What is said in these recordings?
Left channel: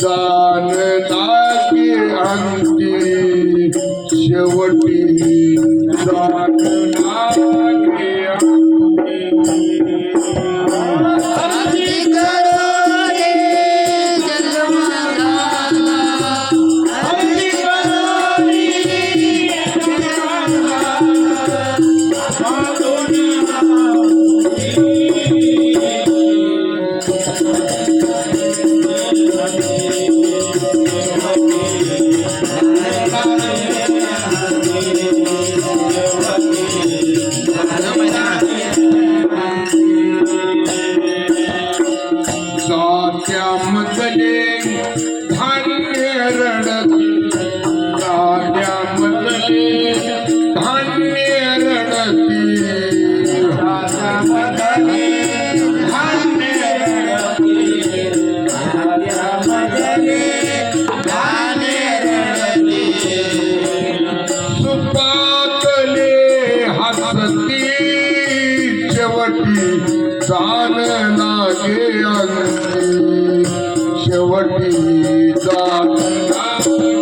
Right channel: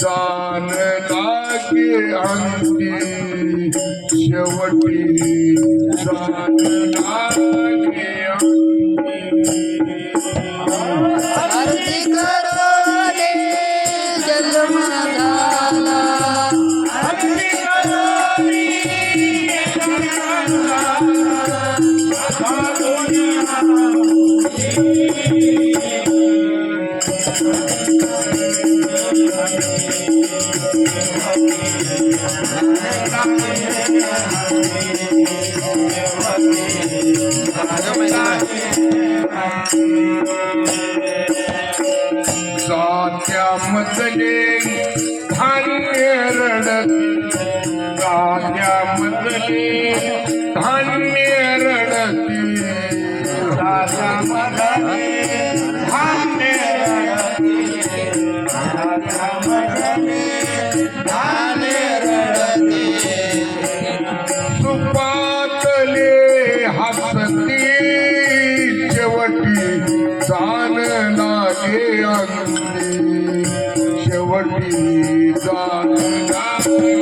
जाण लागे अंती शेवटी जाण लागे जात्यामधले धान्य रडती जात्यामधले धान्य रडती जात्यामधले धान्य रडती जात्यामधले धान्य रडती सुपातले हसती शेवटी जाण लागे अंती शेवटी जाण लागे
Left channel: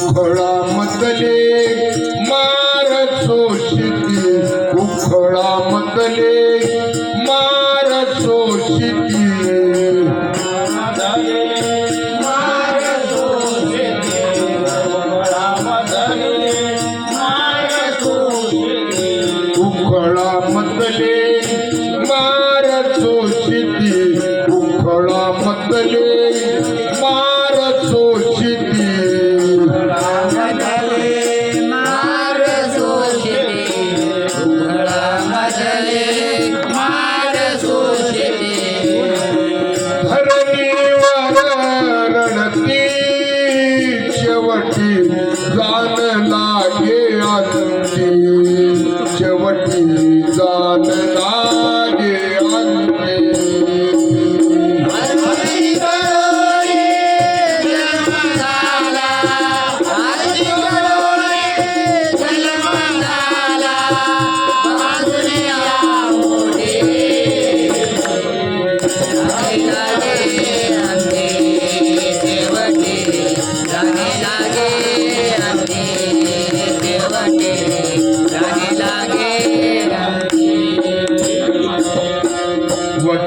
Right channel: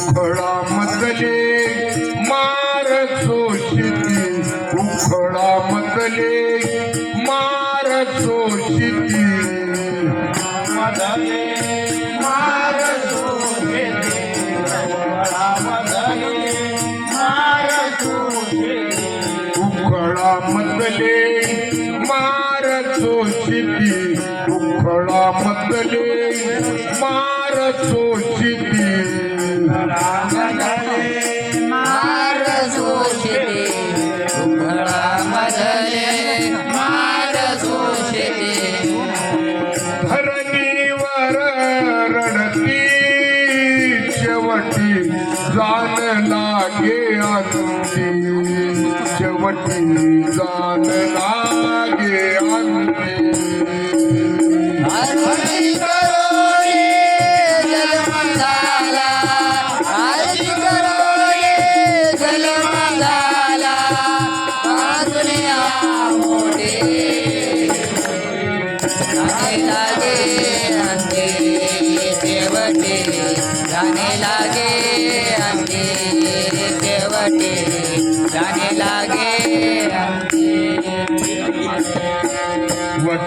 उखळामधले मार शोषिती उखळामधले मार शोषिती मार शोषिती उखळामधले मार शोषिती उखळामधले मार शोषिती धरणीवर रडती शेवटी जाण लागे अंती शेवटी जाण लागे अंती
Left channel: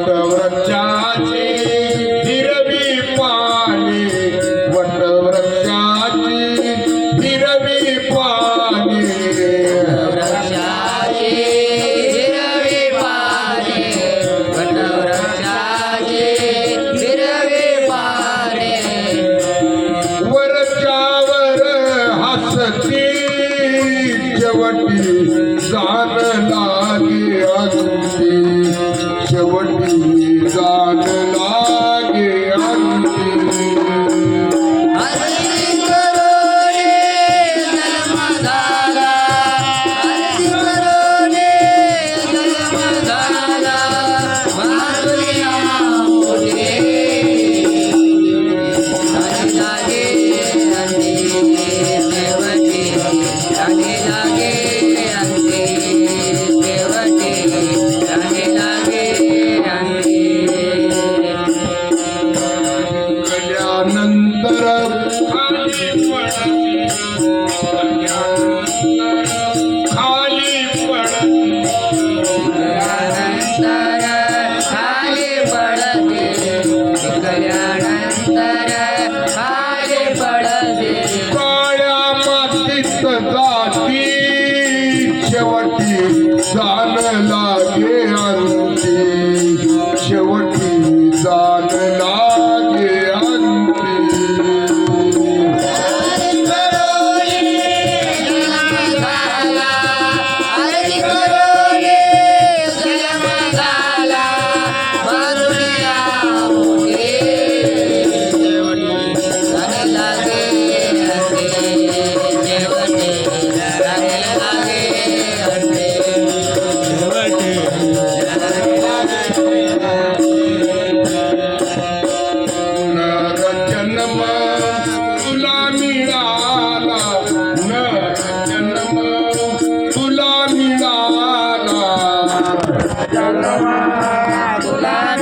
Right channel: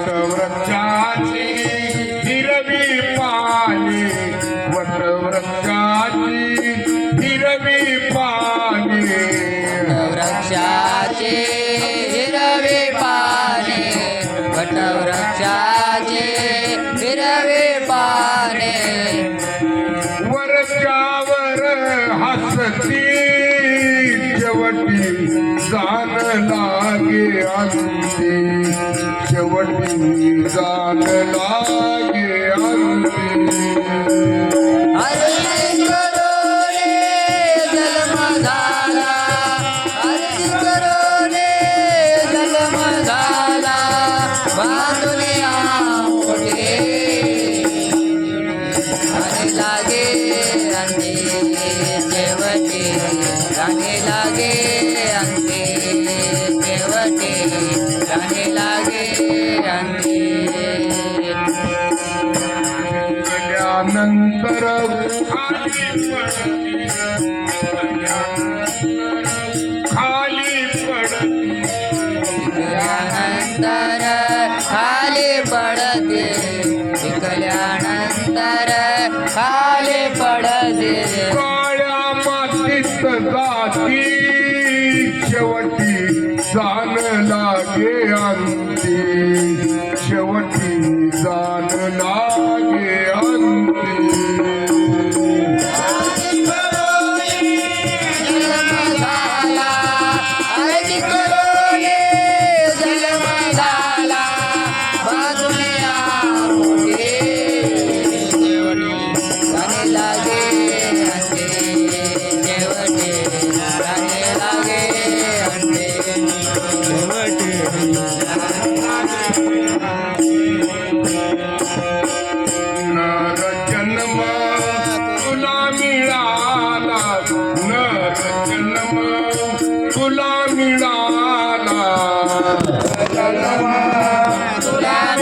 वटवृक्षाची हिरवी पाने वटवृक्षाची हिरवी पाने वटवृक्षाची हिरवी पाने वटवृक्षाची हिरवी पाने वरच्यावर हसती शेवटी जाण लागे अंती शेवटी जाण लागे अंती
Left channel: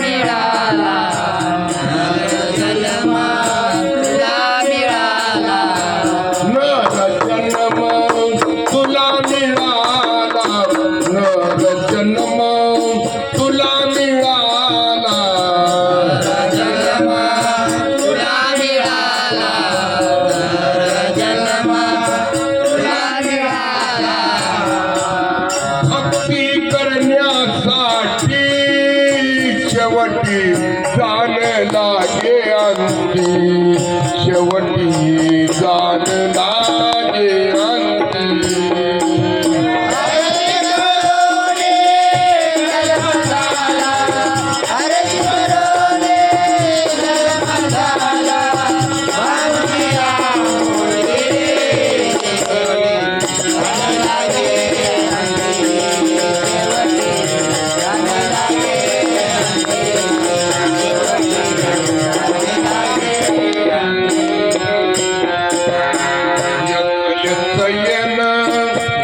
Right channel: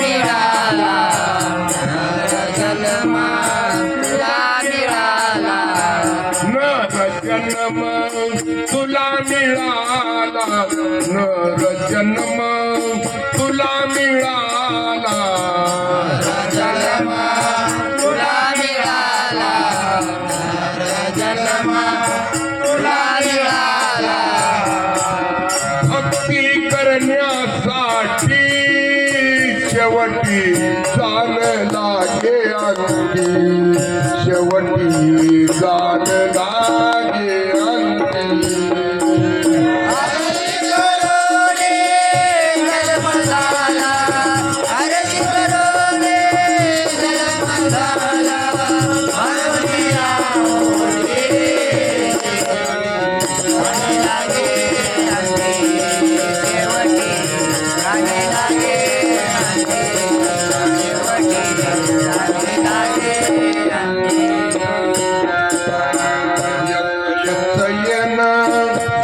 मिळाला जन्म तुला मिळाला नर जन्म तुला मिळाला नर जन्म तुला मिळाला जन्म तुला मिळाला जन्म तुला मिळाला भक्ती करण्यासाठी शेवटी जाण लागे अंती शेवटी जाण लागे अंती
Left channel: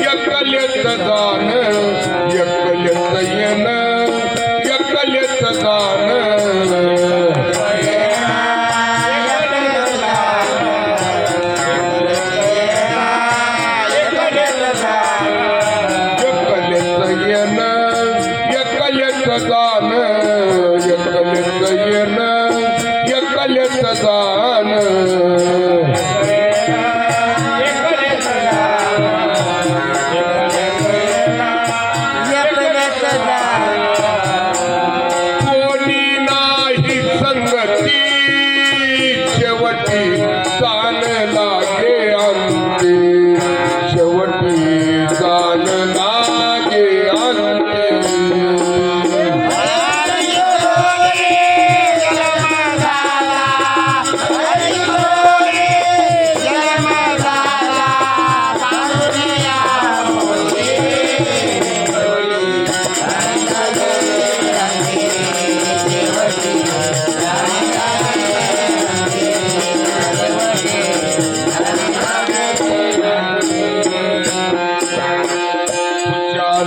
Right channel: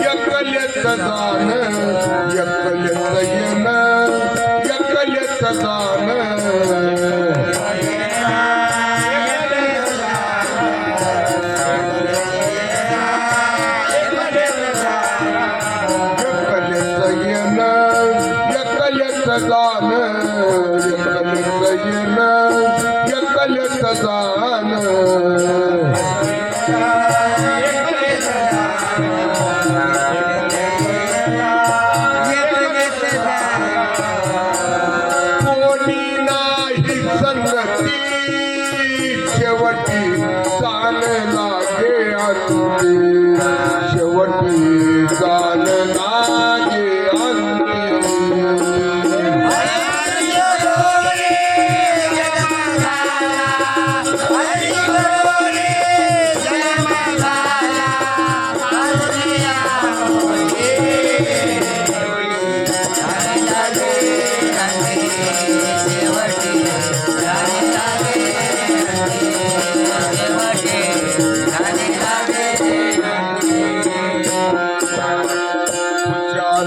एकलेच दान एकलेच येन एकलेच दान एकलेच येन एकलेच दान एकलेच येन एकलेच दान कोणी नाही संगती शेवटी जाण लागे अंती शेवटी जाण लागे अंती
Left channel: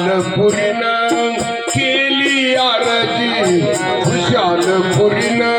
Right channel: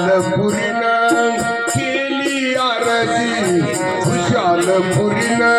खुशालपुरीनं केली आरजी खुशालपुरीनं